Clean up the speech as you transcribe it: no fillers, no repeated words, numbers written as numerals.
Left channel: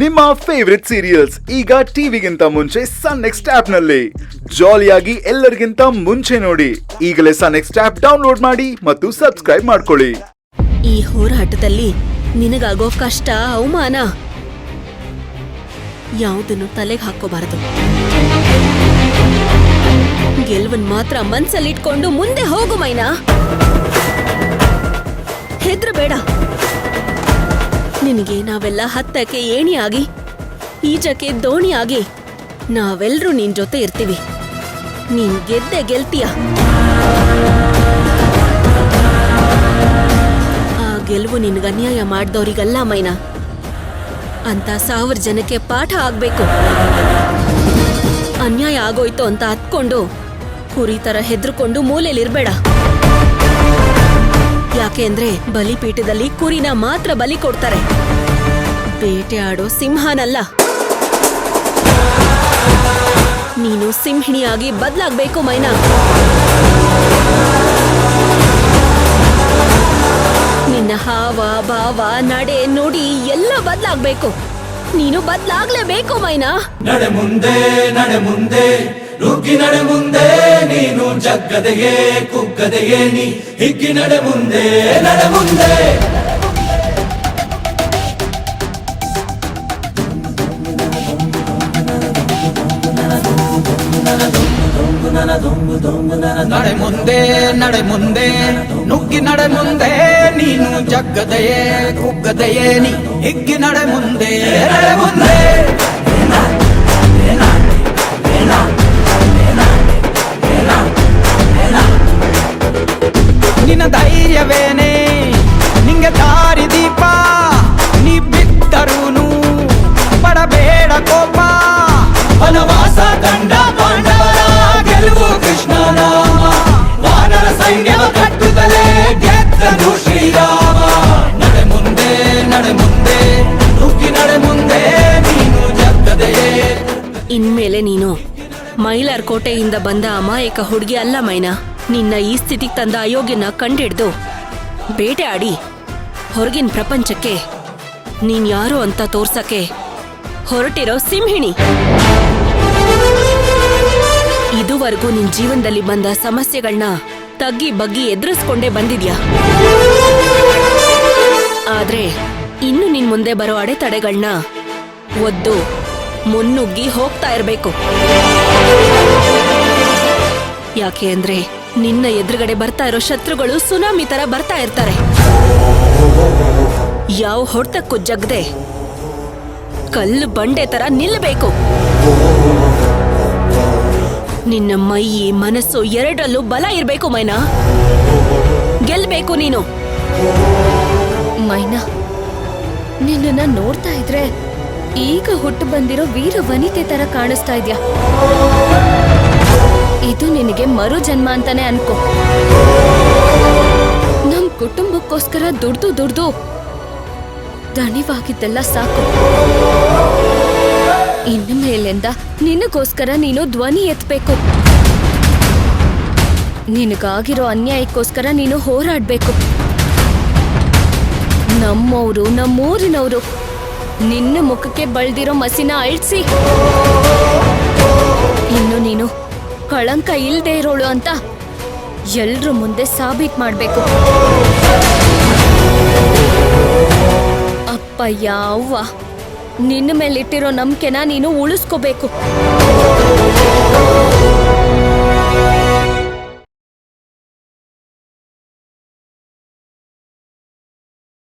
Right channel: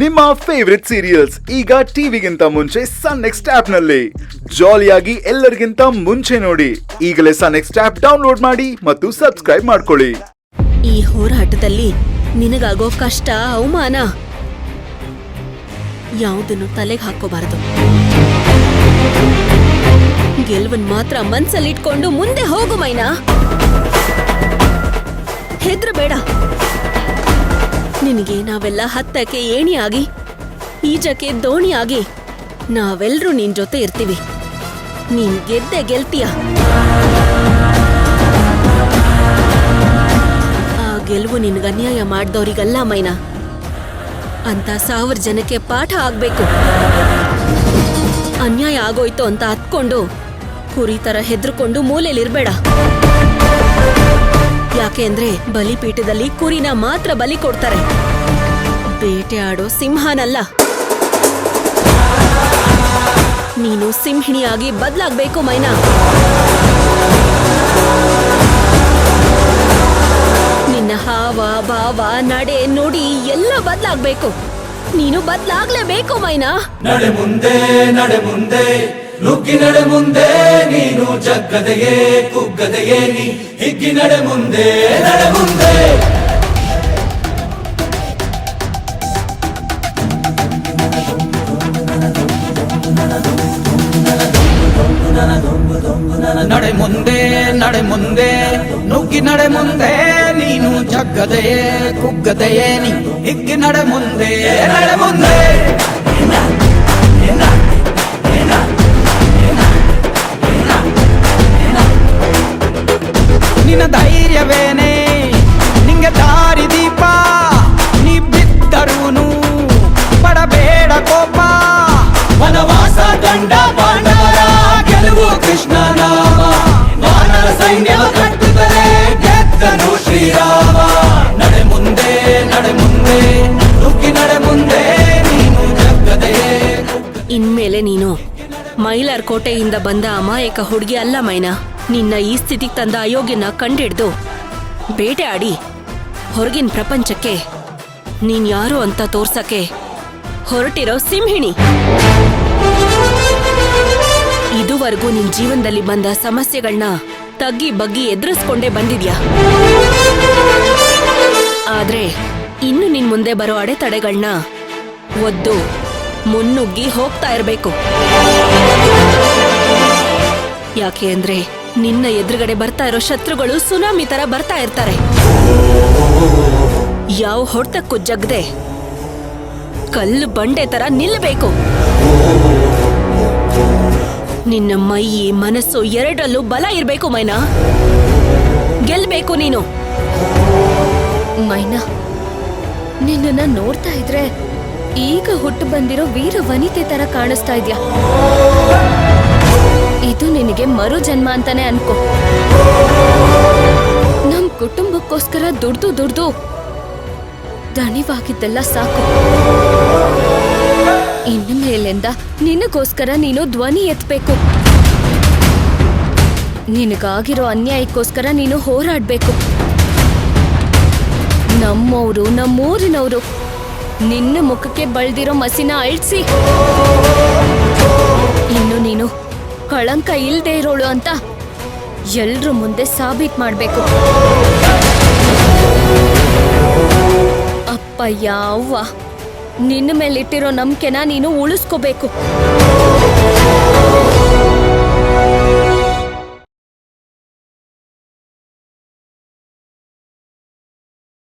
ನಿಮ್ಮ favourite serials ಈಗ ಟಿವಿಗಿಂತ ಮುಂಚೆ ಸನ್ ನೆಕ್ಸ್ಟ್ ಆಪ್ ನಲ್ಲಿ ಜಾಲಿಯಾಗಿ ಎಲ್ಲರಿಗಿಂತ ಮುಂಚೆ ನೋಡಿ. ಈಗಲೇ ಸನ್ ನೆಕ್ಸ್ಟ್ ಆಪ್ ಡೌನ್ಲೋಡ್ ಮಾಡಿ ಮತ್ತು ಸಬ್ಸ್ಕ್ರೈಬ್ ಮಾಡ್ಕೊಳ್ಳಿ. ಈ ಹೋರಾಟದಲ್ಲಿ ನಿನಗಾಗೋ ಕಷ್ಟ ಅವಮಾನ ಯಾವುದನ್ನು ತಲೆಗೆ ಹಾಕೋಬಾರದು. ಗೆಲುವನ್ ಮಾತ್ರ ಮನ್ಸಲ್ಲಿಟ್ಕೊಂಡು ಮುಂದೆ ಹೋಗು ಮೈನಾ. ಹೆದ್ರಬೇಡ. ನಿನಗೆ ನಾವೆಲ್ಲ ಹತ್ತಕ್ಕೆ ಏಣಿಯಾಗಿ ಈಜಕ್ಕೆ ದೋಣಿಯಾಗಿ ನಾವೆಲ್ಲರೂ ನಿನ್ ಜೊತೆ ಇರ್ತೀವಿ. ನೀನ್ ಗೆದ್ದೆ ಗೆಲ್ತೀಯ. ಆ ಗೆಲುವು ನಿನ್ಗೆ ಅನ್ಯಾಯ ಮಾಡ್ದವ್ರಿಗಲ್ಲ ಮೈನಾ, ಅಂತ 1000 ಜನಕ್ಕೆ ಪಾಠ ಆಗ್ಬೇಕು. ಅನ್ಯಾಯ ಆಗೋಯ್ತು ಅಂತ ಹತ್ಕೊಂಡು ಕುರಿ ತರ ಹೆದ್ರಕೊಂಡು ಮೂಲೆಯಲ್ಲಿರ್ಬೇಡ. ಯಾಕೆ ಅಂದ್ರೆ ಬಲಿಪೀಠದಲ್ಲಿ ಕುರಿನ ಮಾತ್ರ ಬಲಿ ಕೊಡ್ತಾರೆ, ಬೇಟೆ ಆಡೋ ಸಿಂಹನಲ್ಲ. ನೀನು ಸಿಂಹಿಣಿಯಾಗಿ ಬದಲಾಗ್ಬೇಕು ಮೈನಾ. ನಿನ್ನ ಹಾವ ಭಾವ ನಡೆ ನುಡಿ ಎಲ್ಲ ಬದಲಾಗ್ಬೇಕು. ನೀನು ಬದಲಾಗ್ಲೇಬೇಕು ಮೈನಾ. ನಡೆ ಮುಂದೆ ನಡೆ ಮುಂದೆ ನುಗ್ಗಿ ನಡೆ ಮುಂದೆ, ನೀನು ಜಗ್ಗದೆಯೇ ಕುಗ್ಗದೆಯೇ ನೀ ಹಿಗ್ಗಿ ನಡೆ ಮುಂದೆ ನಡೆ ಮುಂದೆ. ನಡೆ ಮುಂದೆ ನಡೆ ಮುಂದೆ ನುಗ್ಗಿ ನಡೆ ಮುಂದೆ, ನೀನು ಜಗ್ಗದೆಯೇ ಕುಗ್ಗದೆಯೇ ನೀ ಹಿಗ್ಗಿ ನಡೆ ಮುಂದೆ ನಡೆ ಮುಂದೆ. ನಿನ್ನ ಧೈರ್ಯವೇನೆ ನಿಂಗೆ ದಾರಿ ದೀಪ, ನೀ ಬಿದ್ದರೂನು ಪಡಬೇಡ ಕೋಪ. ವನವಾಸ ಕಂಡ ಪಾಂಡವರ ಗೆಲುವು ಕೃಷ್ಣ ನಾಮ, ವಾನರ ಸೈನ್ಯ ಕಟ್ಟುತ್ತಲೇ ಗೆದ್ದನು ಶ್ರೀರಾಮ. ನಡೆ ಮುಂದೆ ನಡೆ ಮುಂದೆ ನುಗ್ಗಿ ನಡೆ ಮುಂದೆ, ನೀನು ಜಗ್ಗದೆಯೇ. ಇನ್ಮೇಲೆ ನೀನು ಮೈಲಾರ್ ಕೋಟೆಯಿಂದ ಬಂದ ಅಮಾಯಕ ಹುಡುಗಿ ಅಲ್ಲ ಮೈನಾ. ನಿನ್ನ ಈ ಸ್ಥಿತಿಗೆ ತಂದ ಅಯೋಗ್ಯನ ಕಂಡಿಡ್ದು ಬೇಟೆ ಆಡಿ ಹೊರಗಿನ ಪ್ರಪಂಚಕ್ಕೆ ನೀನ್ ಯಾರು ಅಂತ ತೋರ್ಸಕ್ಕೆ ಹೊರಟಿರೋ ಸಿಂಹಿಣಿ. ಇದುವರೆಗೂ ನಿನ್ ಜೀವನದಲ್ಲಿ ಬಂದ ಸಮಸ್ಯೆಗಳನ್ನ ತಗ್ಗಿ ಬಗ್ಗಿ ಎದುರಿಸ್ಕೊಂಡೇ ಬಂದಿದ್ಯಾ. ಆದ್ರೆ ಇನ್ನು ನಿನ್ ಮುಂದೆ ಬರೋ ಅಡೆತಡೆಗಳನ್ನ ಒದ್ದು ಮುನ್ನುಗ್ಗಿ ಹೋಗ್ತಾ ಇರ್ಬೇಕು. ಯಾಕೆ ಅಂದ್ರೆ ನಿನ್ನ ಎದುರುಗಡೆ ಬರ್ತಾ ಇರೋ ಶತ್ರುಗಳು ಸುನಾಮಿ ತರ ಬರ್ತಾ ಇರ್ತಾರೆ. ಯಾವ ಹೊಡ್ತಕ್ಕೂ ಜಗ್ದೆ ಕಲ್ಲು ಬಂಡೆ ತರ ನಿಲ್ಲಬೇಕು. ನಿನ್ನ ಮೈ ಮನಸ್ಸು ಎರಡರಲ್ಲೂ ಬಲ ಇರ್ಬೇಕು ಮೈನಾ. ಗೆಲ್ಬೇಕು ನೀನು. ಮೈನಾ, ನಿನ್ನನ್ನ ನೋಡ್ತಾ ಇದ್ರೆ ಈಗ ಹುಟ್ಟು ಬಂದಿರೋ ವೀರ ವನಿತೆ ತರ ಕಾಣಿಸ್ತಾ ಇದ್ಯಾ. ಇದು ನಿನಗೆ ಮರು ಜನ್ಮ ಅಂತಾನೆ ಅನ್ಕೋ. ನಮ್ ಕುಟುಂಬಕ್ಕೋಸ್ಕರ ದುಡ್ದು ದಣಿವಾಗಿದ್ದೆಲ್ಲ ಸಾಕು. ಇನ್ನು ಮೇಲಿಂದ ನಿನಗೋಸ್ಕರ ನೀನು ಧ್ವನಿ ಎತ್ತಬೇಕು. ನಿನಗಾಗಿರೋ ಅನ್ಯಾಯಕ್ಕೋಸ್ಕರ ನೀನು ಹೋರಾಡ್ಬೇಕು. ನಮ್ಮವರು ನಮ್ಮೂರಿನವರು ನಿನ್ನ ಮುಖಕ್ಕೆ ಬಳ್ದಿರೋ ಮಸಿನ ಅಳಿಸಿ ಇನ್ನು ನೀನು ಕಳಂಕ ಇಲ್ದೇ ಇರೋಳು ಅಂತ ಎಲ್ರ ಮುಂದೆ ಸಾಬೀತ್ ಮಾಡ್ಬೇಕು. ಅಪ್ಪಯ್ಯ ಅವ್ವ, ನಿನ್ನ ಮೇಲಿಟ್ಟಿರೋ ನಂಬಿಕೆನ ನೀನು ಉಳಿಸ್ಕೋಬೇಕು.